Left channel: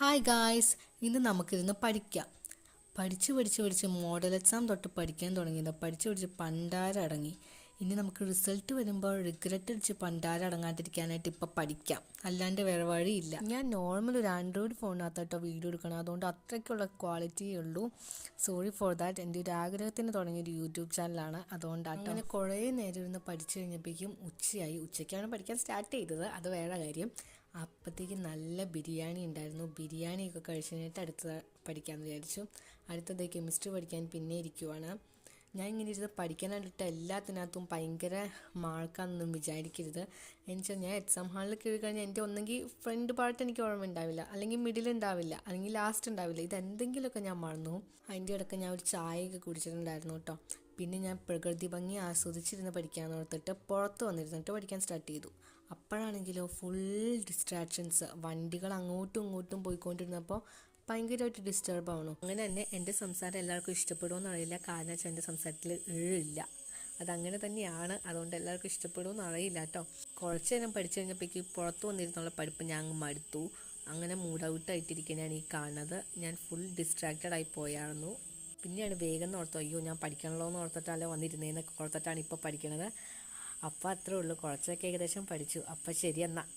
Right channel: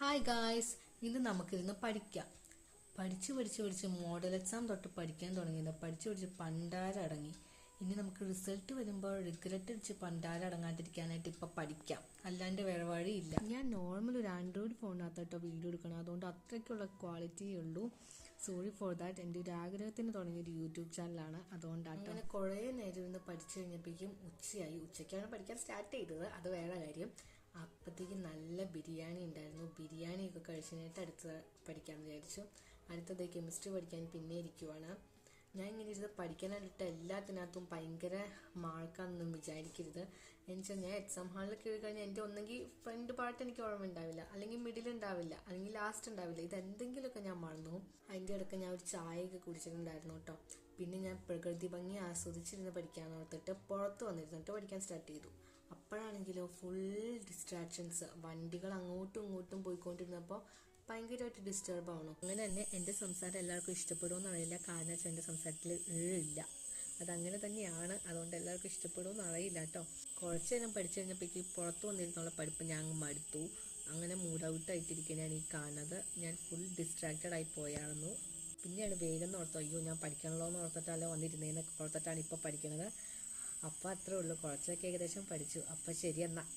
Hi guys, ഇന്ന് നമുക്കിരുന്ന് പഠിക്കാം. പഠിച്ച് മോഡൽ എക്സാം തൊട്ട് പഠിക്കാൻ തുടങ്ങിയത്. പഠിച്ച് പണ്ടാരം അടങ്ങി. ഇനി നമുക്ക് റിസൾട്ട് വരുമ്പോൾ റിഗ്രറ്റ് അടിച്ച് പണ്ടാരം അടങ്ങാണ്ടിരിക്കാനായിട്ട് ഇപ്പം പഠിക്കാം. അല്ലാണ്ട് വേറെ വഴിയില്ല. ഞാൻ നോർമൽ ഒരു ആൻഡ്രോയിഡ് ഫോണിനകത്തോട്ടോ വീഡിയോ എടുക്കണം. അതുകൊണ്ട് അത്രയ്ക്കുള്ള ക്വാളിറ്റിയേ ഉള്ളൂ. Sorry for that. എൻ്റെ ഒരു ആഗ്രഹത്തിന് തുടങ്ങിയൊരു യൂട്യൂബ് ചാനലാണ്. അതുകൊണ്ടാട്ടോ. അങ്ങനെ കുറേ നേരം ഇരുന്ന് പഠിച്ചു കഴിഞ്ഞപ്പോഴേക്കും ഉച്ചയായി. ഉച്ചയ്ക്കാണ് പഠിക്കാൻ സ്റ്റാർട്ട് ചെയ്തത്. അത് വേറെ കാര്യം. അപ്പോഴത്തേക്ക് നല്ല ബിരിയാണി ഉണ്ടായിരുന്നു. ബിരിയാണിയൊക്കെ കഴിച്ച് കഴിഞ്ഞിട്ട് അടുത്ത പഠിക്കാമെന്ന് വിചാരിച്ചു. അടുത്തത് കെമിസ്ട്രി പഠിക്കാൻ പിന്നെ ഇരിക്കുവാണ്. ഞാൻ ഇങ്ങനെ ഇരുന്ന് പഠിക്കാനായിട്ട് എല്ലാത്തിനകത്തും ഭയങ്കര മാർക്കാണെന്നൊന്നും വിചാരിക്കരുത്. എന്നുവെച്ചാൽ ഞാൻ എക്സാം ഹാളിൽ കയറി കഴിഞ്ഞാൽ എൻ്റെ ഒന്നെങ്കിൽ ഫ്രണ്ട് പാർട്ട് എനിക്ക് ഓർമ്മ ഉണ്ടാവില്ല, അല്ലെങ്കിൽ മിഡിൽ ഉണ്ടാവില്ല, അല്ലെങ്കിൽ ലാസ്റ്റ് ഉണ്ടാവില്ല. ഇതെന്തെങ്കിലുമൊക്കെ ഞാൻ മറന്നു. അതിൻ്റെ ഇടയ്ക്ക് ഞാൻ ഒരു ചായയൊക്കെ കുടിച്ചിട്ടുണ്ടായിരുന്നു കേട്ടോ. പിന്നെ ഞാൻ പ്രകൃതി ഭംഗി ആസ്വദിച്ചിരുന്ന് പഠിക്കാമെന്ന് ഓർത്തിട്ട് പുറത്ത് വന്നിരുന്നിട്ട് പഠിക്കാൻ സ്റ്റാർട്ട് ചെയ്തു. അപ്പോഴാണെങ്കിലോ ഫുൾ ഡിസ്ട്രാക്ഷൻസ്. വണ്ടികൾ അങ്ങോട്ടും ഇങ്ങോട്ടും പോയിക്കൊണ്ടിരുന്നപ്പോൾ ഭയങ്കരമായിട്ട് ഡിസ്റ്റർബ് ആവണം. അങ്ങനെ തന്നെ എൻ്റെ സംസാരം എല്ലാവർക്കും ഇഷ്ടപ്പെടുമെന്ന് അറിയില്ല. കാരണം വെച്ചാൽ എൻ്റെ സംസാരത്തിൽ ഇല്ല. അതങ്ങനെ തന്നെയാണ്. അതുകൊണ്ട് എല്ലാവർക്കും ഇഷ്ടപ്പെടുമെന്ന് അറിയില്ല കേട്ടോ. കുറച്ച് നേരം പഠിച്ചു കഴിഞ്ഞപ്പോഴേക്ക് പുറത്ത് വന്നിരുന്നുള്ള പഠിപ്പ് ഞാൻ മടുത്തു. അങ്ങനെ മൂഡ് ഔട്ടായിട്ടിരിക്കുന്നതാണ് ഈ കാണുന്നത്. ഞാൻ ഫുൾ ഡിസ്ട്രാക്റ്റഡ് ആയി പോയായിരുന്നു. പിന്നെയാണ് വേഗം ഓർത്തോ, അയ്യോ ഞാൻ പഠിക്കണല്ലോ എന്ന് ഓർത്തിട്ടല്ല വന്നിരുന്നതെന്നൊക്കെ ഓർത്തിട്ടാണ് ഇപ്പോൾ പഠിക്കണത്. അപ്പോൾ അത്രേ ഉള്ളൂ. കുറച്ചൊക്കെ ഏകദേശം പഠിച്ചു. അപ്പോൾ ശരി എന്നാൽ.